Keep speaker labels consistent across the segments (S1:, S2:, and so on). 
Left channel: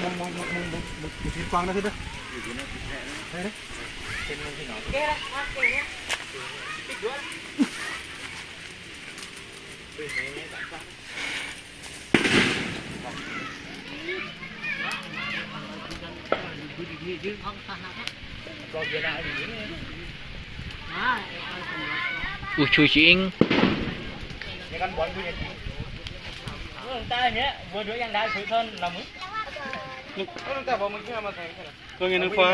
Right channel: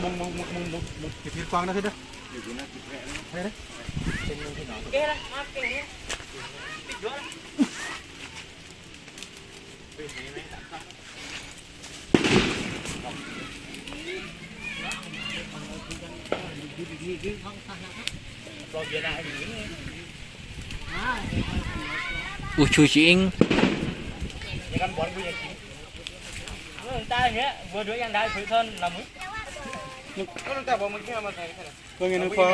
S1: เดี๋ยวฟังมองมองมองมองมองมองถือกวางนะพี่เด้อ
S2: kê đây mắt kê nhé bích nữa Còn giờ này thì
S3: u chu chiing
S2: Để con bón bây giờ chị Nó người ta nhé Vừa đứa yang đai thử thân là mới แต่บอกมึงเชื่
S1: อมาใส่ใช่
S2: ไห
S1: ม
S2: ตัวเงินฟ้า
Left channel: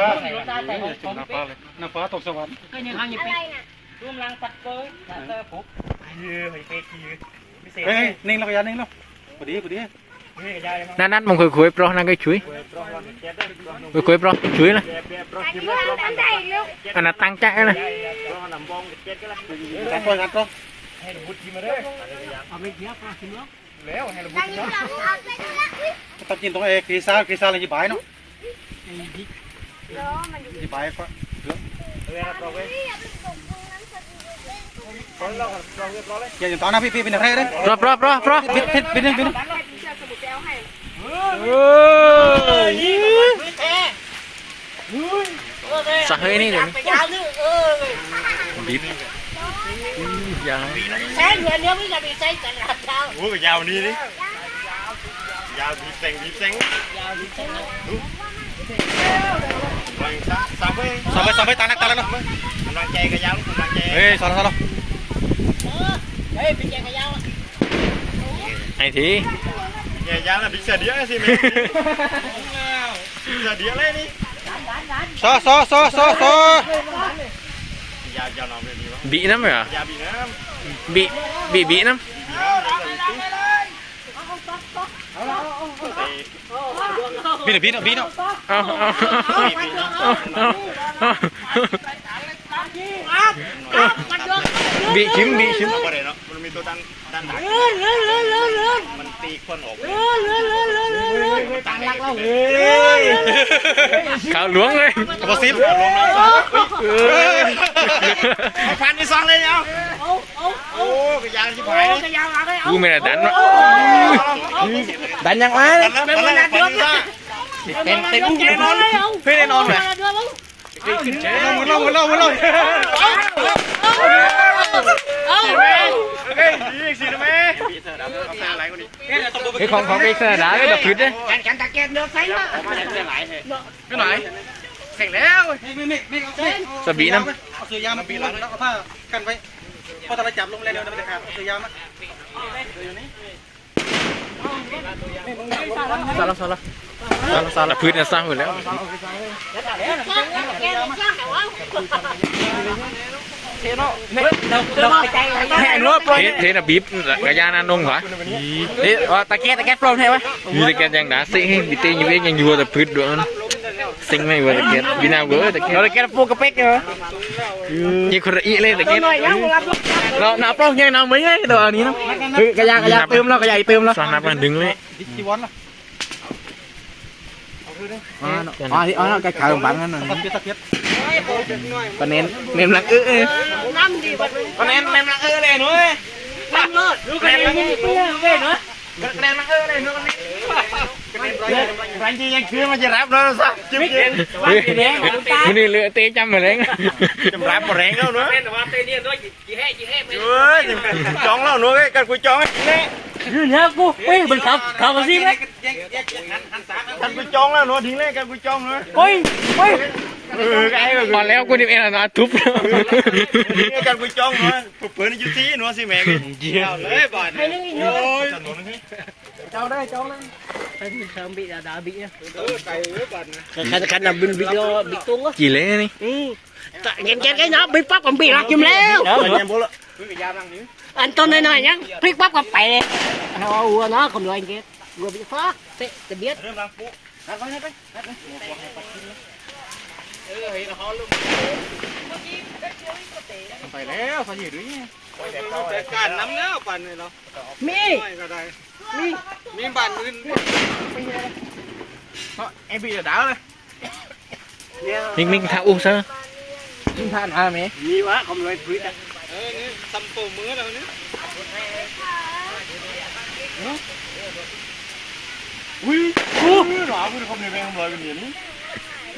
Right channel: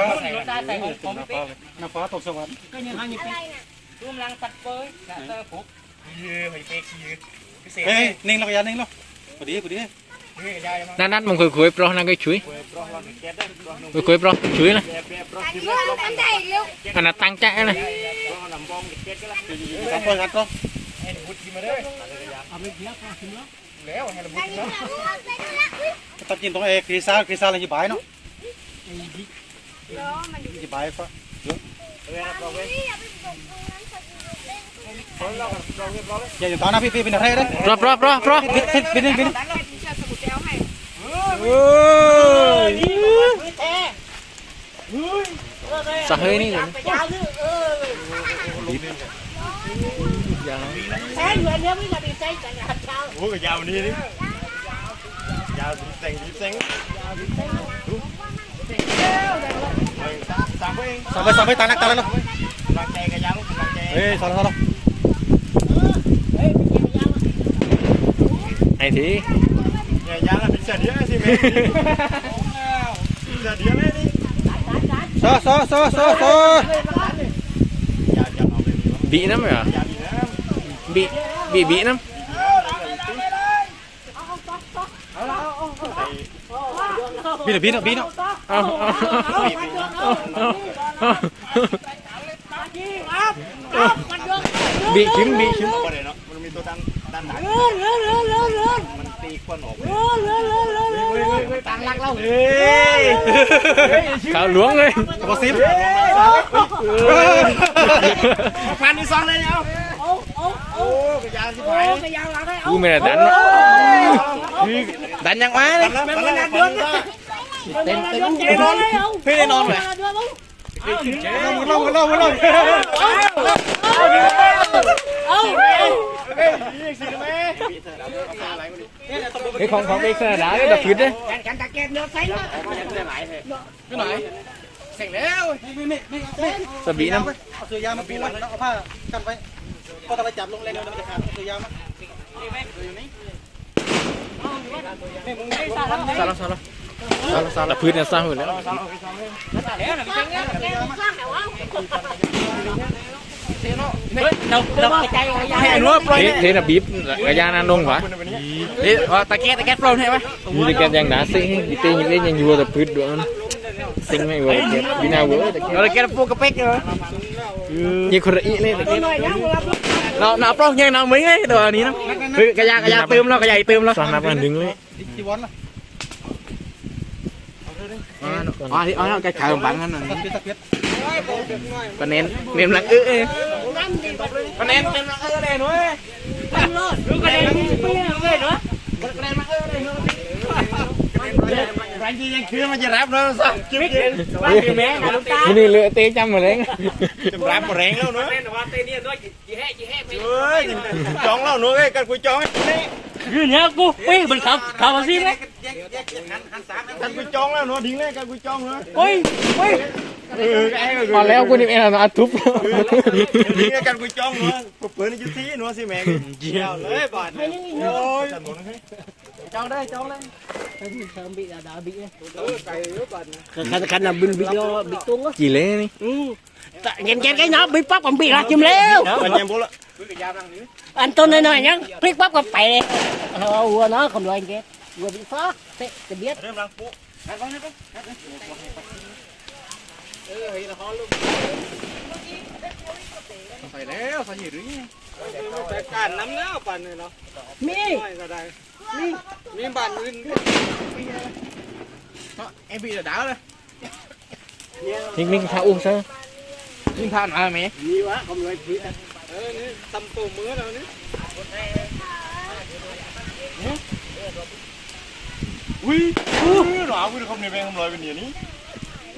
S1: น้ำฟ้าตกสวรรค์
S2: ก็ยังทางยิบปีรวมรังตัดว์เป้
S4: ยสัตว์ปุ๊บ
S1: เยอะไปเป๊กเย
S2: เฮ้ย
S1: นิ่งเราพยานนิ่งเราพอดีพอดี
S3: นั่นนั่นมึงคุยคุยปรนั่งก็ช่
S2: วย
S3: คุยคุยปรช่วยนะ
S2: อัน
S4: นั้นตั้งใจ
S3: เลยตั้งใจนะ
S2: Pro nằm bom cái chết cái là
S1: สามคนครับต้อง
S2: Hay là bút chim ở đây Léo hay là bút chim đó
S1: ตัดกินตรงเอครีซ่าครีซ่าอะไรยี่บายเนาะ
S4: Đó mà dùng
S1: ยี่บายก็
S2: Quê là pro quê Pro lo còn pro quê pro đấy
S1: อย่าอยู่ตอนนั้นพี่พี่เป็นอะไรเด้
S3: ปลอปลอปลอปลอ
S1: พี่พี่เป็นเป็น
S4: Đánh lại thì cho sụp teo hay
S3: สะเฮยนี่เดี๋ยวนี้บีบ อย่า
S4: Thế người nếu bây giờ bị xây chẳng là sao
S2: Ủa cái dao đi đi Dao bị xanh bị xanh Mày sao sao với
S1: สามไปสามไปตาลักตาลักเนาะ
S2: Loan chay cái dao loan chay
S1: เฮ้ยสอนสอนเรา
S4: Ê bị chè cái dao
S3: ไอ้ที
S2: Nhà dao là bị sờ đĩa gì mày Sờ đĩa lên đi
S1: ซอซอซอซอซ อ
S2: Dạ cho nó về đi
S3: บีน้ำเหรอ
S2: Dạ bị nữa
S3: บีบีบีน้
S1: บีเนาะบีเนาะบีเนาะำ
S3: เอาเอาเอาเอาบีชิมบีชิม
S2: Có để nó Mình mình tôi tăng Tăng nặng
S4: Lươn lươn lươn lươn lươn
S2: Mình tì con ổ
S4: lươn lươn lươn lươn
S2: Tăng lắc lâu
S3: ขาวหลวงเลย
S1: บอซิม
S2: Phan đi xong lên nhau
S4: Ô ô ô
S2: Ô cái dao chứ phải
S4: Ô cái dao vào cái
S3: กูไม่ได้ดันวะดันยังไง
S2: Còn nó còn nó phần ra
S4: เต็มเต็มเต็มนอนเลยเพื่อนนอนไหม
S1: มึงลงมึงลงมึงลง
S4: เอ้า
S2: Ê gì gì nữa mẹ Bị thở đá Nó pha lại con đi
S3: ไอ้ของของเด็กสนามก็ดับพื้นเลย
S4: cảnh cảnh tạc kẹt được thấy đó
S2: Cái lại thế
S1: ไปไหน
S2: Thành léo
S1: ไม่ไม่ไม่เอา
S3: สบีน้
S1: เอาเสื้อยางมาปูแล้วเอาผ้ากันไว้ พอตะไปจับลงเลยเดี๋ยวมันจะขาดเอาเสื้อยางมาำ
S3: ดับพื้นเนี่ยสร้างหมดแล้วเทเทน่ะบีบกระยานานุ่งหรอ
S4: đi tạc kẹt tạc kẹt luôn theo á
S3: มีต่แกยังหนาซิบีเตยังเว้ยังยู่แต่พื้นด้วยมัน ซิงไม่เวอร์ตะเกียบบีนาเวอร์ตะเกียบ
S4: rồi cái phu cái pek rồi
S3: ยี่คนละอีเลยตะเกียบ
S4: rồi nhá một lắp
S2: Nó nó phong như nào mấy đấy đồ ní nó Cái da cái da tươm nó cái dày tươm nó
S3: สอนนับกันดึงเลย
S1: ดิจีวอนล่ะ
S2: Ờ thì ờ cái thờ bạn nó
S1: ตะเกียบตะเกียบ
S2: Còn nén Ném lặng ư ư
S4: năm gì vật
S2: Còn ném ném lặng ư này nữa
S4: năm luôn cái này như về nữa
S2: Cái ném lặng ư này nữa Anh chi anh chưa mà chỉ ráp nó sao Chứ biết
S3: มันนี่เลือเตะจำมาเลย
S2: Chùm ráp mà rén đâu nữa Ui Chóng nào nữa cái cần cuối chóng ấy
S4: như nhá cô quê mình khập khập vào gì đấy
S2: Cần cuối chóng nào nữa Đi lên cần cuối chóng nữa
S4: ôi ôi
S2: Ừ cái rồi
S3: พอแล้วกูนี่เองนะทุบ
S2: Đi lên cần cuối chóng nữa Phục bữa nó chú tí nữa xí mẹ Chào lấy bạn Ôi Cháu đây cháu đây
S4: sớm bị đã đã bị
S2: Ừ tay ướp bạn
S4: cái cái là bị bị bị tung á
S3: กี่เล่นี่
S4: ừ nghe nghe cái nó bị bắp còn bị là kim leo
S2: Đó anh em bố lợ Cái da răng nữa
S4: anh cho nên này nhá pick bắp còn bẻ nó nó không lại kia vừa bị phá thế để biết
S2: Rơm răng phụ Đặt vào đây Phải léo phải nhiều đứa Cái cản lắm nữa bạn này nó
S4: mi
S2: Rồi ra đây Mi Mi bạn nguyên Em bị đá đây
S3: นิ่งๆท่าอุ้งซะ
S2: Mi than à mẹ
S4: mi quá không lại quýt à
S2: Ê, tầm cổ mưa rồi nữa อุ้ยอู้หนาวกูจะคำในแบงค์คำลอยกั นอย่างนี้
S4: อือความไรแรงเหรอ
S2: ปีนี้ปีได้หยิบตัวเลยเดี๋ยวไอ้พวกกระทั่งได้
S3: โอ้ยหอมเดียวเราเว้ย
S2: โอ้ยใส่คำเดียวแล้ว
S3: มิกมิกทิมแล้มีนันตั้ง
S4: จุกน้ำนี่มันแห้ง
S3: ตัวละตัวละนันตั้งตัวละนันตั้งจะมาดันเองมั้ง
S2: ดันเท่าไรปั๊มจังเลยกับบึ้จังสุดเลยสุดเลยรวยเด้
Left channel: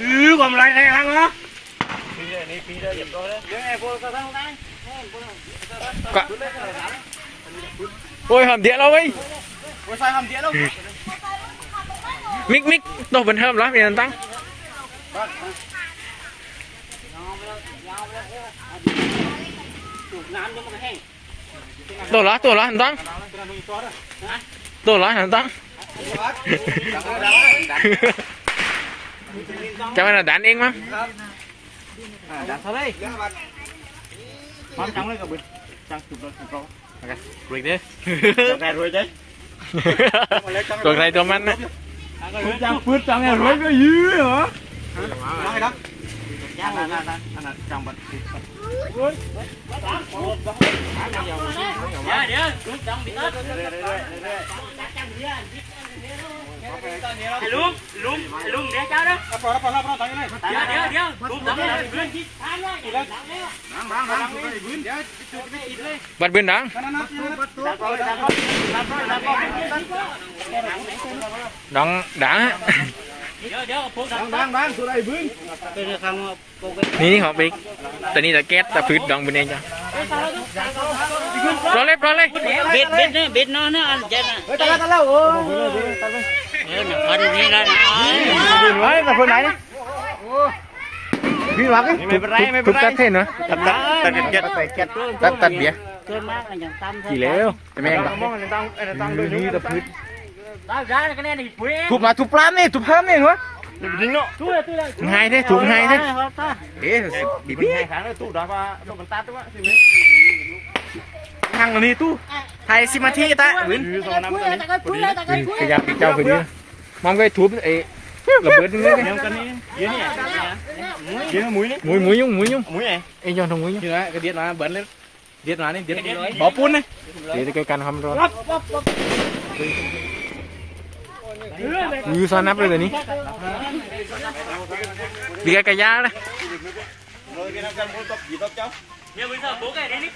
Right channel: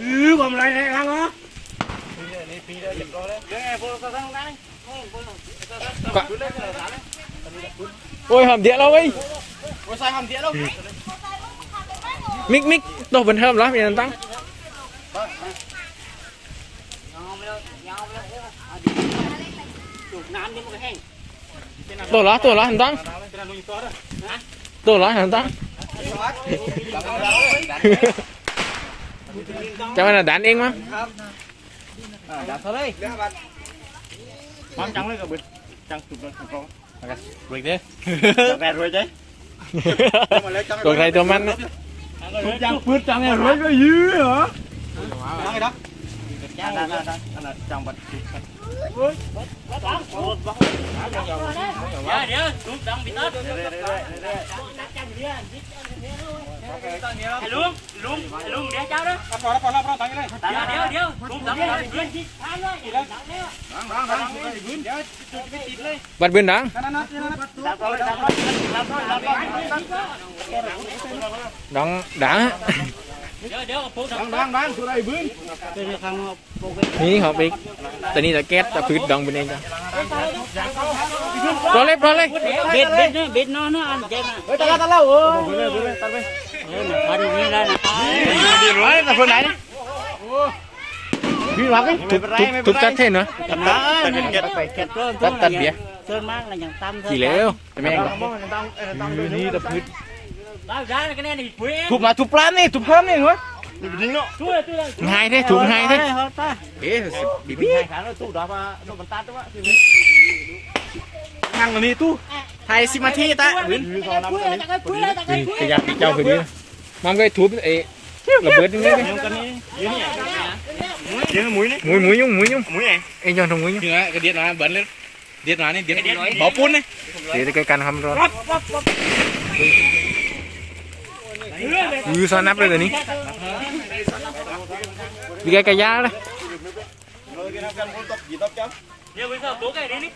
S2: งไงรวยเด้
S3: ตัวใครตัวมันนะ
S2: จังปืนจังไงรวยก็ยื้อเหรอ
S1: น้องไอ้ดัก
S2: อันนั้นอันนั้นอันนั้นจังบัด
S4: เดี๋ยวเดี๋ยวลุงต้องบิดต้น ไอ้ลุงลุงไอ้ลุงเดี๋ยวเจ้าเด้อ
S1: รับรอรับรอรับรอตั้งยังไง
S4: เดี๋ยวเดี๋ยวลุงต้องบิดเพื่อนที่ทานเลยอยู่แล้ว
S1: ดังดังดังไอ้บื้นเดี๋ยวจุดไม่ติดเลย
S3: บัดเบือนดัง
S1: นั่นนั่นนั่นนั่น
S3: ดองดัง
S4: ดั
S2: งดังดังสุดไอ้บื้ น
S3: นี่นี่ของปิ๊กแต่นี่แต่แก๊สแต่พืชดองเป็นเองจ้ะรอเลยรอเลย
S4: เบ็ดเบ็ดนี่เบ็ดน้อยนะอันเจ็ด
S2: เฮ้ยตาละตาละโอ้ยบื้นเลยบื้นเลยตัดไป
S4: พอดีนี่แล้วนะ
S3: ไอ้แต่คนไหนเนี่ยพี่วักทุบทุบทุบกัดเท่นเนาะ
S2: ตัดตาตัดเก็บไปเก็บ
S3: ตัดตัดเบียร์
S4: เกินมากเลยอย่างตาม
S3: กี่แล้วจะแม่งหรอ
S2: นี่ตะพืช ทุบมาทุบปลานี่ทุบห้ามนี่วะนี่ดิ้งเนาะ
S4: ตัวตัว
S3: หายเท่ถูกหายเท่
S2: เอ๊ะบีบีให้ขางแล้วตู้ดาว่าต้องกันตัดด้วยนั่งนี่ตู้ไทยสิมาที่ตาบื้นสองน้ำ
S4: ปุ๋ย
S2: ตัวนี้
S4: ตะกุยปุ๋ยตะกุยปุ๋ย
S3: ขยับปีเจ้าคือดีมองก็ทุบเอ้ระเบิดนี่เลย
S2: เดี๋ยวกันนี่เดี๋ยวนี่เดี๋ยวมุ้ยนี่
S3: มุ้ยมุ้ยยุ่งมุ้ยยุ่ง
S2: มุ้ยไง
S3: ไอ้ยอนทงมุ้ยยุ่ง
S2: นี่นะก็เดียดมาเบิ้ลเลยเดียดมานี่เดียดบ่อปุ้นนี่
S3: เดี๋ยวจะกันทำรอยื้ อซ้อนนับเลยตัวนี้ดีแกกระยาเลย
S4: เดี๋ยวไปสอบตัวแกนี่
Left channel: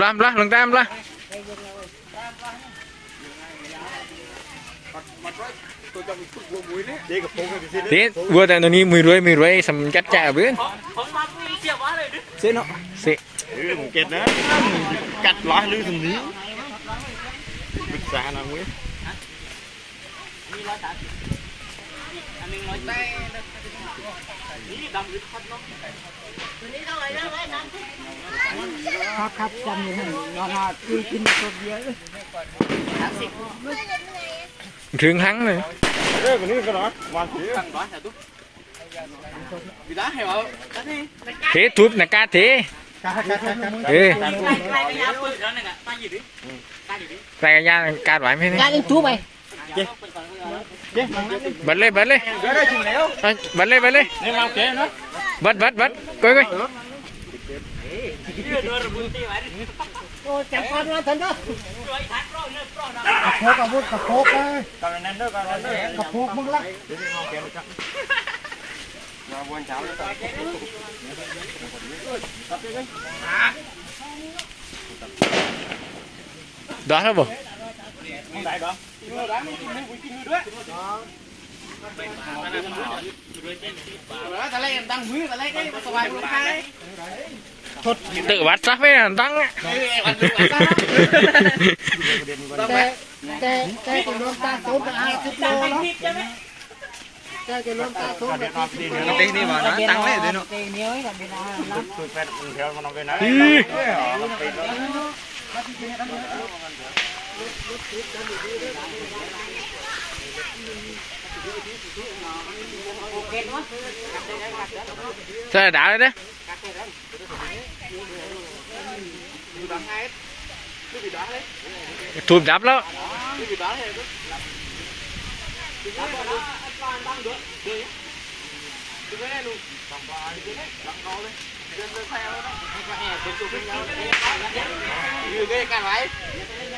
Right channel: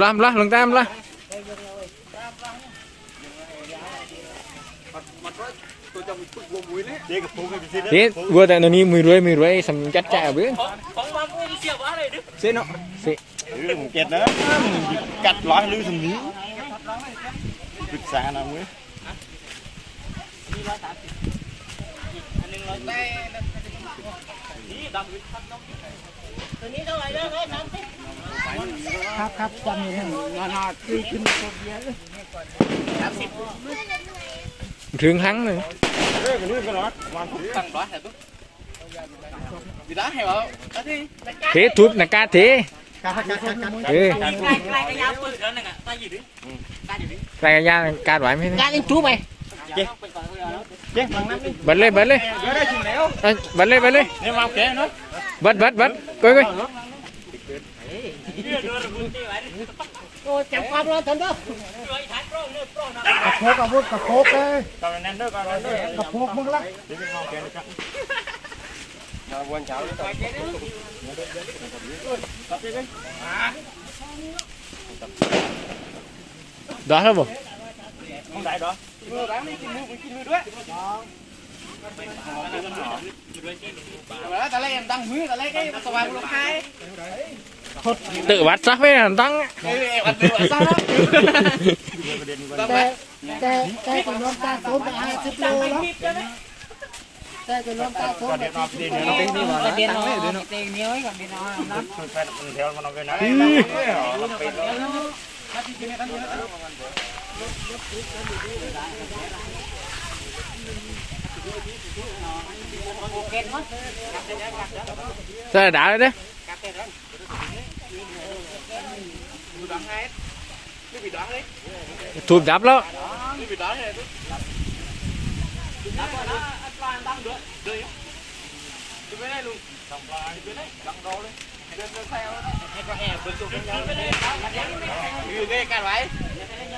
S3: รำละลงตามละเด็ดวัวแต่ตัวนี้มือรวยมือรวยสำจัดจ่าเบื้อน
S4: ของมาปุ๋ยเสียบ้าเลยดิ
S3: เสียเนาะเสีย
S2: อือเก็ตนะกัดล้อลือถึงนี้ปรึกษาหน่อย มุ้อยสามสิบ
S4: อันนึงร้อยแปดนี่ดำหรือพัดน้องตัวนี้เท่าไหร่เด้อสามสิบครับครับจำอยู่นอนหาคือกินตัวเดียวสามสิบ
S3: ถึงหังเลย
S2: เอ้ยวันนี้ก็ร้อวัน
S4: ตั้งบ้านแต่ตุ๊กวิดาให้เหรอตั้งที่
S3: เททุบหนักาเท
S1: การการการกา
S3: เอ้ย
S4: ใกล้ใกล้ใกล้ย
S3: ใส่กระยาการไหวไหมเนี่ย
S4: การเล่นจูไปเจ๊ไป ก่อนก็ได้
S2: เจ๊ฟังนั่นนี่
S3: บัดเลยบัดเลย
S2: เดี๋ยวได้จริงแล้ว
S3: เอาบัดเลยบัดเลย
S2: เนี่ยมาแก่เนาะ
S3: บัดบัดบัดก้อยก้อย
S4: โอ้จับความร้อนทันเด้อก
S1: ระโปกอาวุธกระโปกเลย
S2: ตอนนั้นเด้อตอนนั้นเด้อก
S1: ระโปกมึงละ
S2: มาวันเช้าเลย
S3: ดอแล้วบ่
S2: không đại đó. Mua bán đi mưa với mưa đó
S3: tự bắt sắp ấy là tăng á Sao là đã đấy đấy. Chùm đáp lắm. Hãy subscribe cho kênh Ghiền Mì Gõ Để
S4: không bỏ lỡ những video hấp dẫn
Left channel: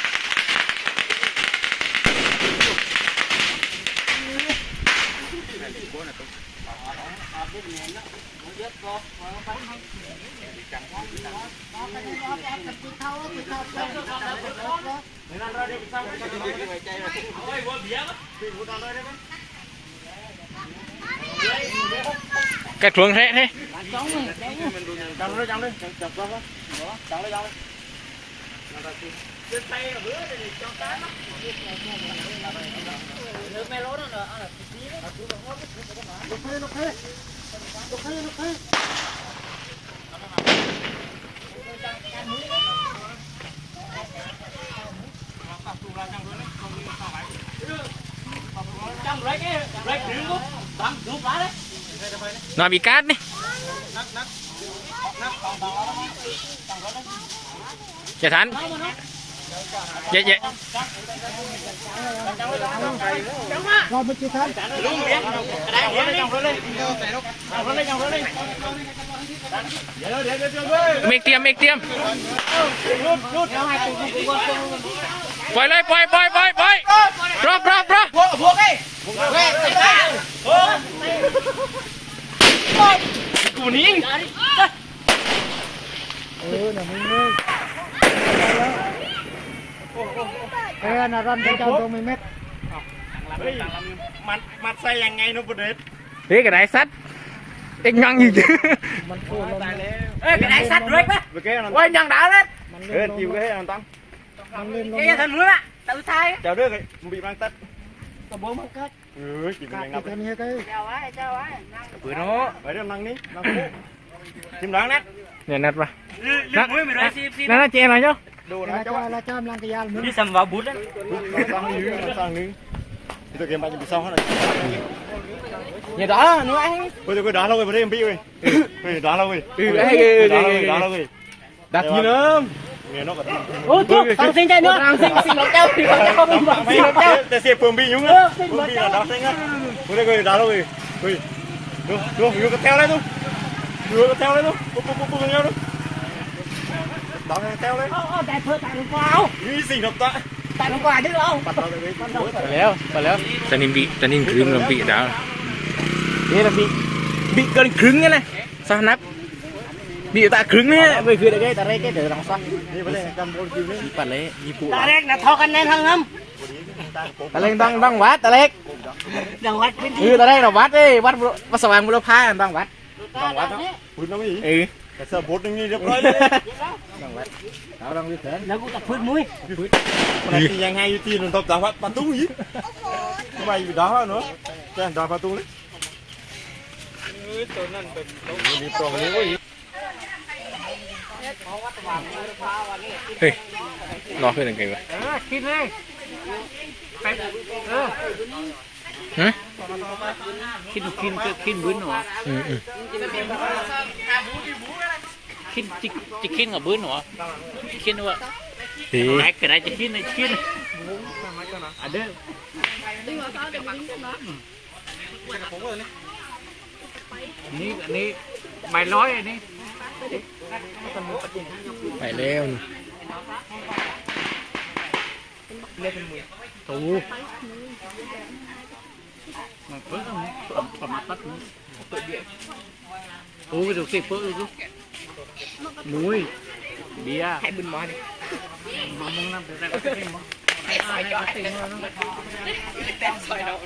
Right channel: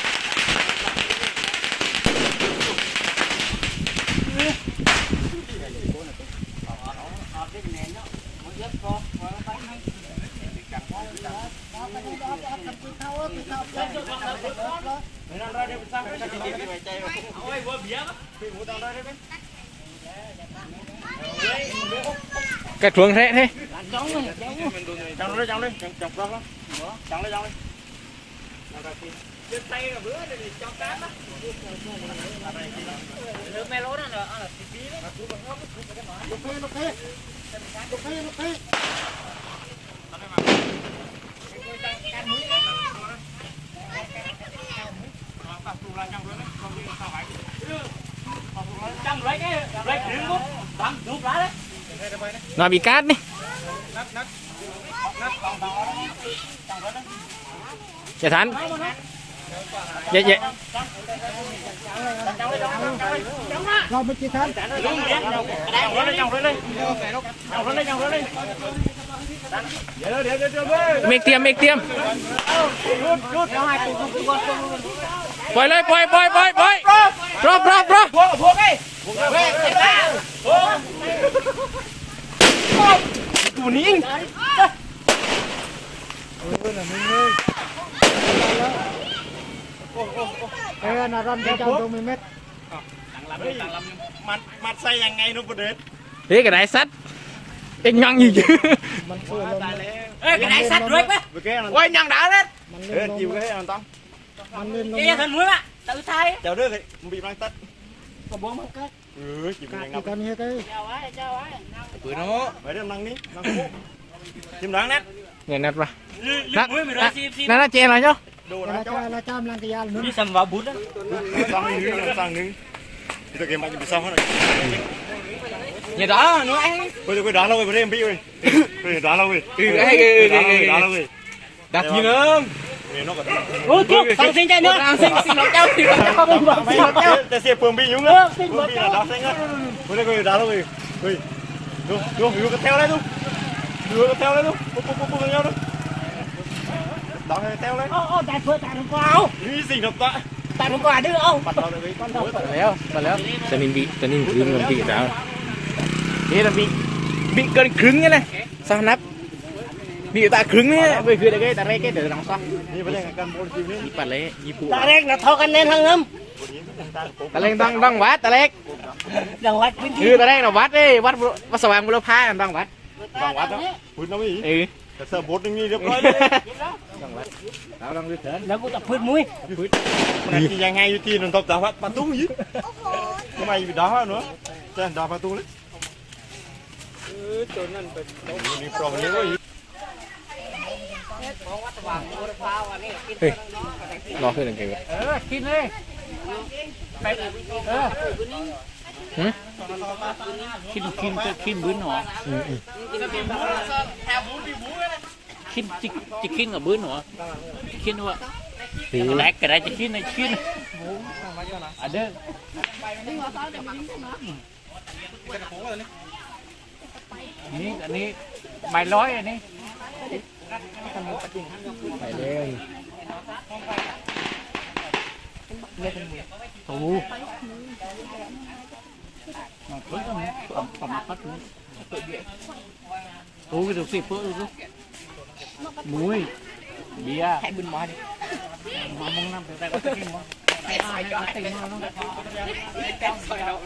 S4: กระ
S3: ทรวงแท้แท้
S2: จังเลยจังเลยจังจังจังเลยจังเลยจังเลย เดี๋ยวเดี๋ยวเดี๋ยว
S3: miệng tiêm miệng tiêm
S2: รุดรุด
S3: ปล่อยเลยปล่อยปล่อยปล่อยปล่อยรอบรอบรอบ
S2: พวกพวกไอ้กูนิ่ง
S5: เออน่ะมึงเลยเออน่ะรันเจ้าตรงมีเม็ด
S2: มันมันใส่ยังไงนุ๊กเด็ด
S3: thế cái này sắt anh nhăng gì chứ
S5: มันโคลม
S4: เอ้ยกระไดสัตว์ด้วยปะ
S2: เมื่อกี้
S3: quay nhăng đã đấy
S5: มัน
S2: เอ
S5: เล่
S2: อน
S5: ลม
S2: จิ๋วก็ให้อันตั้ง
S5: มันเล่นลม
S4: เจ๊ทันมือละตะอุทัย
S2: เจ้าเด้อเลยมันบีบรังตัด
S4: กระโบมันก็
S2: เออจิ๋วยังนับ
S5: กันนี้ก็
S4: เจ้าไว้เจ้าไว้
S2: ปืนเนาะไปเรื่องนั่งนี่นั่งคู่จิ้มร้างนัด
S3: này nát vào
S4: ลืมมือไม่ได้ซีซี
S3: nó nó che này chứ
S2: ดู
S5: ละ
S2: นะ
S5: จ้าละจ้ามลังกยาลมึง
S4: นี่สัมวาบุตร
S2: สั่งนึงสั่งนึงที่ตัวเกมมันจะไปซ่องเขาหน่อย
S3: nhà đó nó ăn
S2: เฮ้ยตัวก็ด่าเราเว้ยไม่ได้พี่เว้ยเฮ้ยด่าเราเว้ย
S3: ừ hay ghê
S2: ด่า
S3: ghê
S2: เราเว้ยด่า
S3: ghê
S2: เราเว้ย
S3: đặt gì
S2: thôi không xin chạy nữa. Xin xin nó treo thì không bung bung xin nó treo để xếp cùng bị nhúng nữa xin nó
S4: treo đó xin á. Vâng, Bữa đây người đó rồi? Rồi đúng đúng vừa theo đấy đúng vừa theo
S2: đấy đúng bung bung bung nhau đúng
S4: đó này theo đấy. Ô ô đẹp vừa tặng quà không? Đi
S2: xin nó tặng? Tặng quà được không? Tặng
S3: léo tặng léo. Tặng nên bị tặng nên cứng làm bị đó thế là bị bị cơn cứng cái này. Sao bị ta cứng đấy bởi vì là cái ta đây cái để đằng sau
S2: นี่เป็นเรื่องการบอลคิวนี่
S3: ta lấy như phụ
S4: ตาแรกนะทอกันแน่นทั้งน้
S3: ta lên đang đang vát ta lấy ำ
S4: ดังวัดพื้นที่
S3: như ta đây là vát đi vát vát sờ vàng bô phá đang vát
S2: ต่างวัดนะพูดนะพี่
S3: ừ
S2: แต่เสิร์ฟบทนึงนี่เรียบร้อยเลย
S3: tao đang biết thế
S4: แล้วกูตัดพื้นมุ้ย
S2: ที่ยังไงอยู่ที่นั่นตบต่างวัดประตูยี่ทำไมอยู่ด่าเนาะแจ้งด่าประตูเลยตัวนั้นเป็นมีปล่องนี้ก็อีก
S3: ê lo hơi đằng kìa vậy
S4: กินเลย
S3: hả
S4: กินกินกินบื้นหรอ
S3: ừ ừ
S4: กินจะจะกินกับบื้นหรอกินด้วย
S3: thì
S4: แรกกระไรจะกินไอ้กินอะเด้อนี่อันนี้ใบร้อยอันนี้
S3: phải leo
S4: โอ้มันเพิ่งประมาณปัดนี้เปิดเดียวโอ้ยดูสิเปิดดูมุ้ยเดียให้บุญมาดิมามองน้ำแต่ก็ไม่มองใส่ใส่จอดติ่งเลยน้องแต่ใส่ดอก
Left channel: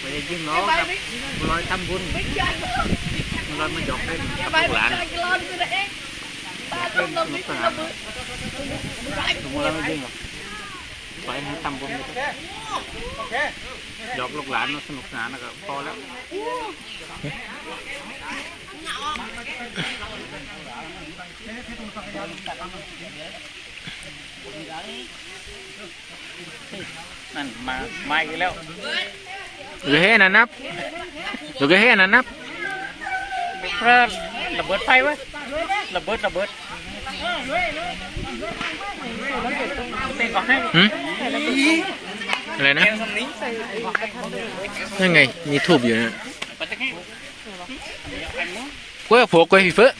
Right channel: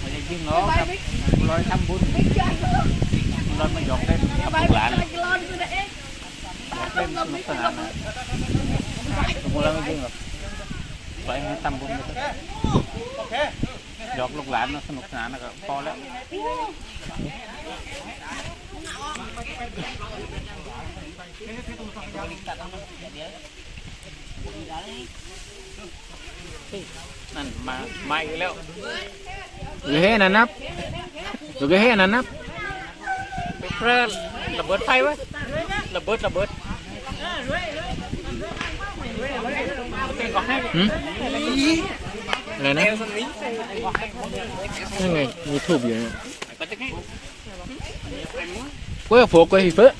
S4: ไม่ได้ยิงน้องครับลอยทำบุญมันมาหยอกได้หลานเป็นสนุกสนานสมมติเราไม่ยิงหรอกไปให้ทำบุญกันหยอกลูกหลานมาสนุกสนานนะครับพอแล้วนั่นมามาอีกแล้ว
S3: rồi hết là nắp rồi cái hết là nắp
S4: เริ่มระเบิดไฟไว้ระเบิดระเบิด
S2: หืมอะไรนะนั่นไง มีทูบอยู่นะกล้วยโผล่กล้วยพี่เฟ้อ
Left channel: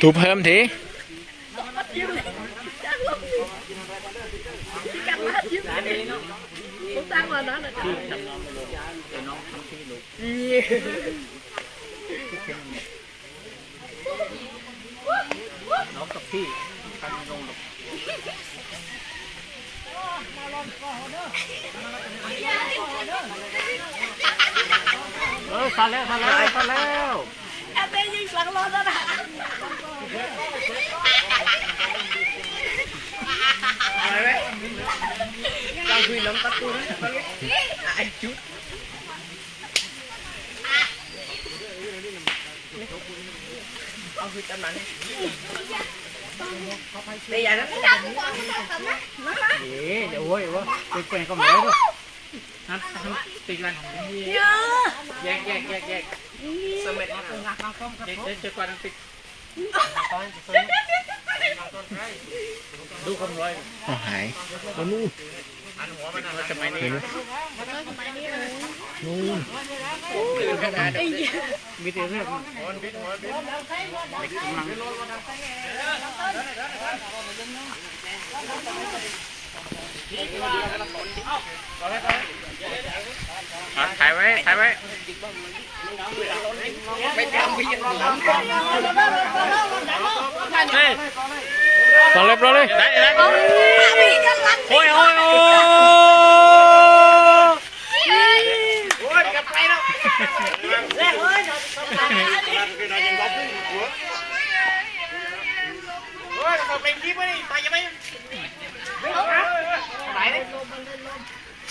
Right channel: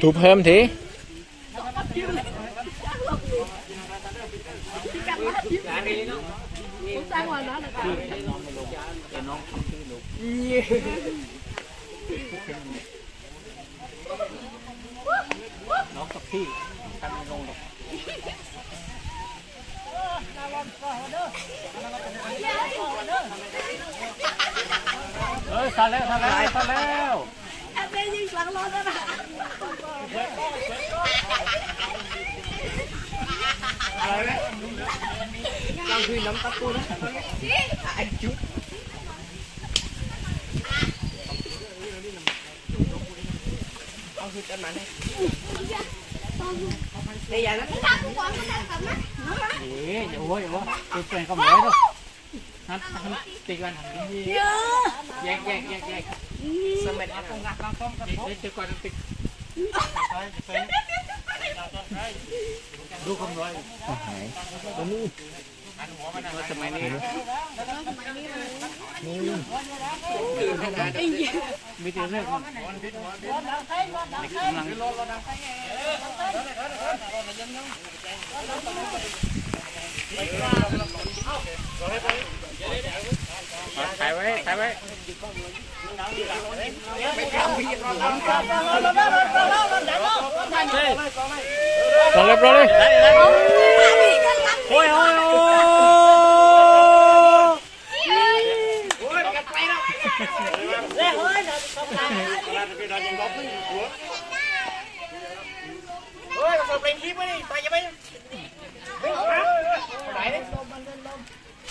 S2: ทุบเพิ่มที
S3: น้องกับพี่ไปลงหรอก
S2: เออซาแล้วซาแล้วซาแล้ว รอเลย
S3: โอ้ยโอ้ยโอ้ย
S2: ตั้มตั้มลง
S3: เดี๋ยวมาเล่น หนูนี่อุ้ยอุ้ยอุ้ยอุ้ยอุ้ยซ้ายซ้าย
S4: Bui bui Đạo bui ngủ trong vi sinh
S3: เดี๋ยวชิมน้ำเฮ้ยทำมือตัวนี้ตัวนี้
S2: ไก่เดียด้วยมั้ยมันกัดกัดกระพง ถ่ายไว้
S4: ถ่ายไว้เร็นเลยบร
S3: อเลยโอ้ยโอ้ยโอ้ยเป็น
S2: ที่ไม่ได้ตายังไม่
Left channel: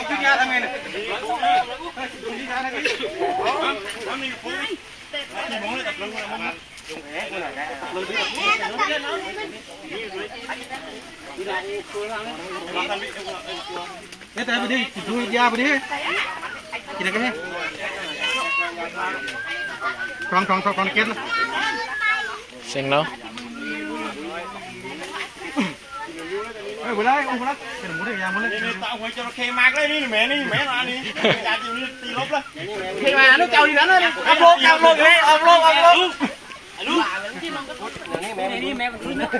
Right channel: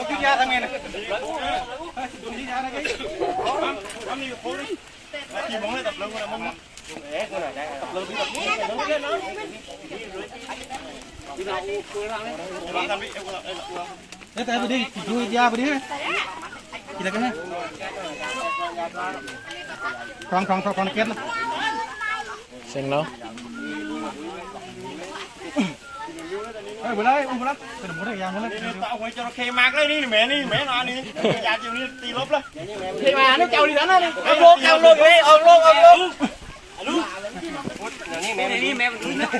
S6: องชิ้นยาทำไงเนี่ย
S3: ทำนี่ปุ๊บขี่มองเลยตับลงมองเอ๊ะอะไรได้ตับลงที่ตับลงเราทำนี่เออเออ
S6: เนี่ยแต่ไปดิดูยาไปดิ กินอะไรกันเนี่ยคลองคลองคลองคลองเก็ต
S2: เซ็งแล้ว
S6: เอ้ยบุไรอุ้มบุไรเป็นหมูได้ยาหมูเลย
S3: นี่ตาหวยจระเข้มากเลยนี่แม่นี่แม่มานี่ยาจิ๋วนี่ตีลบเลย
S6: เทมาลูกเจ้าดีนั้นเลย
S3: เอาลงเอาลงเลยเอาลงเอาลง
S2: เว้งดูเราไงนอนนอนหนัก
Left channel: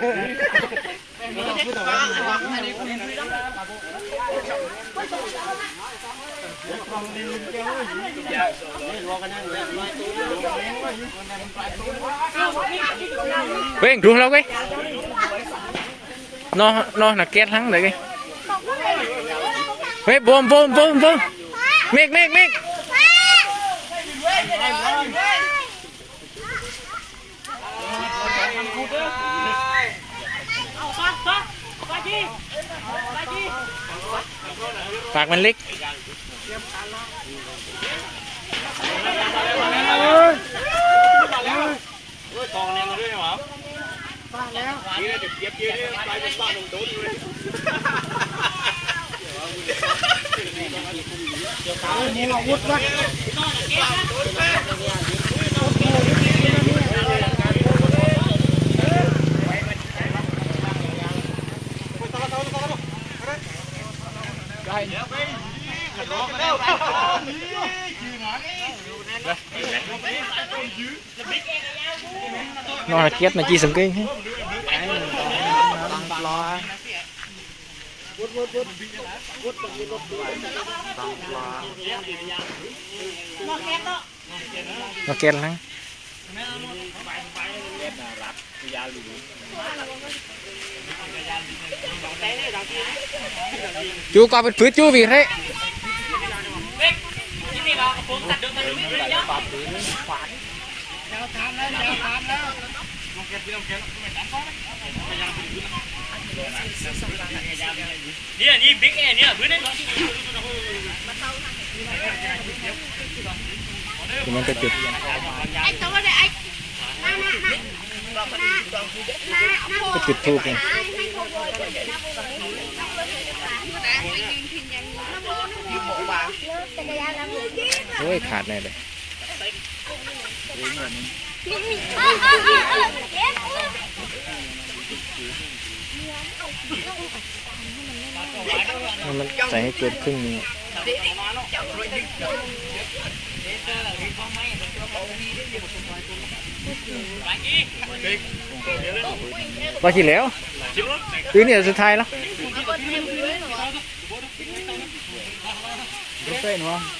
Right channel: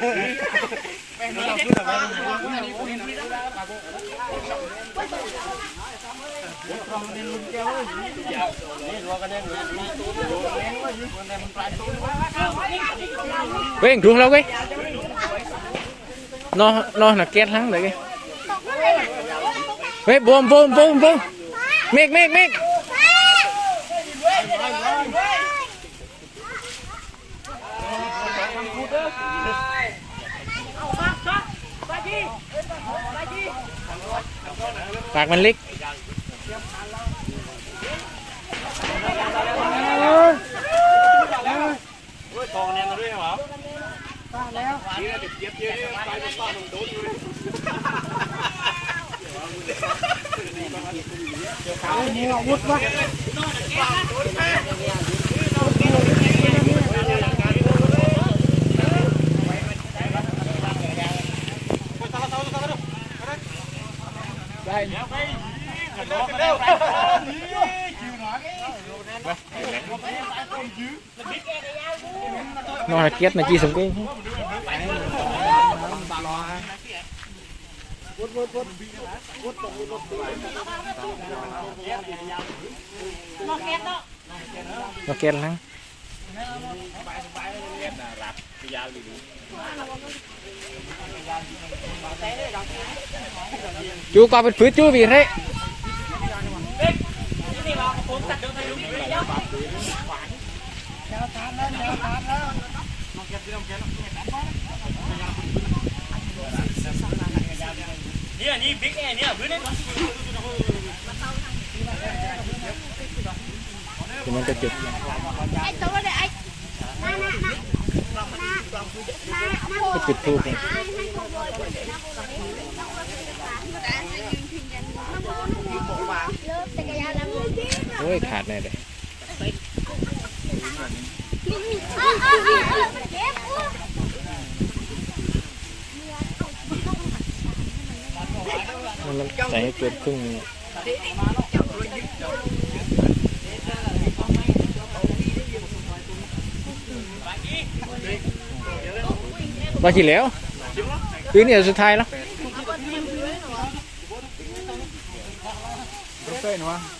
S2: เก็ตทั้งเลยไงเฮ้ยบวมบวมบวมบวมเมกเมกเมก ปากมันเล็ก
S3: กองแนมมาด้วยเหรอ
S2: นอนหนักเก็ตมาจีสมกิ้ง nó ken lắm
S3: chú qua bên phía chú vì thế
S6: Ni ni big ni ni bữa nay
S3: thì mình có chụp
S4: anh cháu đây anh
S3: có chụp thu không ôi khát này đây มันใส่ให้เกินครึ่งนึงอะว่าขี้แล้วปีนี้สุดท้ายแล้วรอบรอบรอบ
S4: cát gì anh
S3: ขาด
S6: Đây nè thấy thấy ประมาณนะเออนี่ได้ประมานึงจะ กินให้ดูเออนึงนึงประมาณทำเมันใส่ให้เกินครึ่งนี้มาขี่แล้วปีนี้สุด
S1: ท้ายแล้วไ Cái này mà.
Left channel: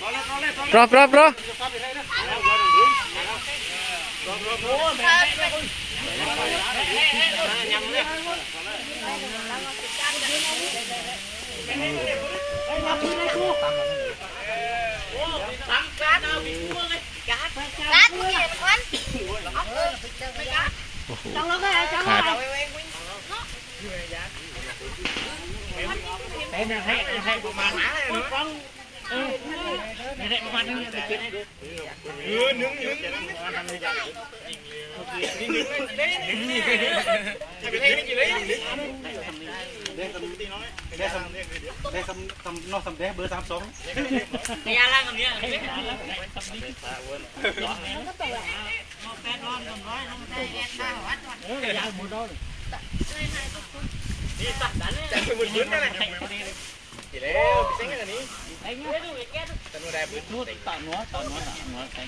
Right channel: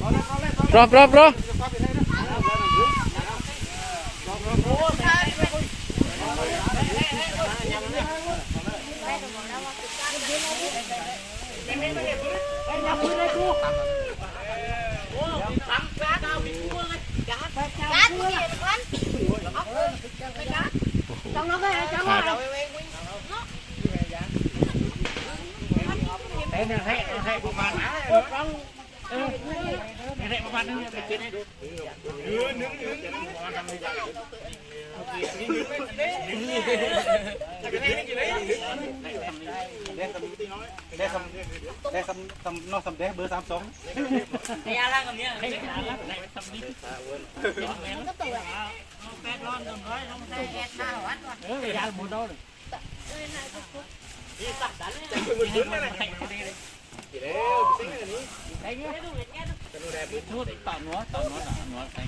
S1: นอกคำได้เบอร์สามสอง
S6: นี่อไรคำนี้ให้ร้านละไหนคำนี้เออยาวหมดแล้วนี่ตัดนั้นเลยหมดยืนเลยกี่แล้วพี่เซ็งอั นนี้ไอ้เงี้ยจะมีได้บุญนู่นต่อนัวต่อนัวต่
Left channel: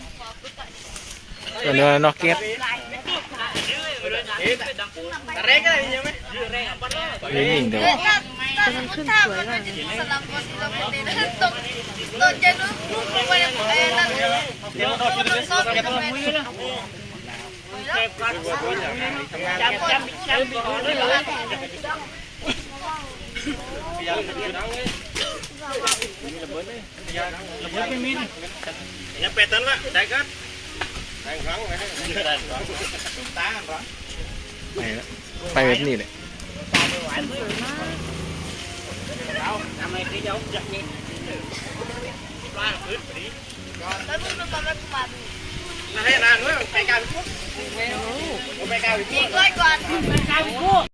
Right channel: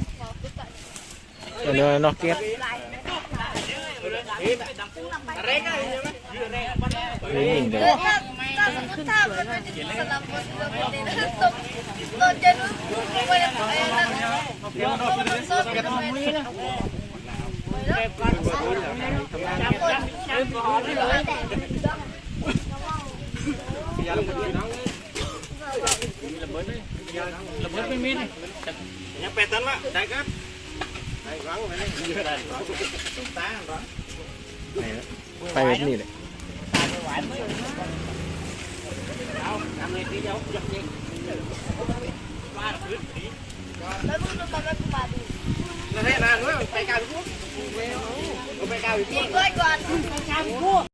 S6: อนัวแทง
S3: ตัวเนื้อนอกเก็ต
S6: เร่งอะไรยังไหม
S3: นี่ยิงเดี๋ยว
S4: Tôi chơi lúc lúc lúc quay lên đây là
S1: เดี๋ยวต้องกินเลยแกต้องทำมือนะ
S6: ยังเป็ดตันละได้ครับ
S3: ไปแล้วไปแบบนี้เลย
S6: นั่นแหละนางเมื่อไปการไปการ
S4: Chị coi còn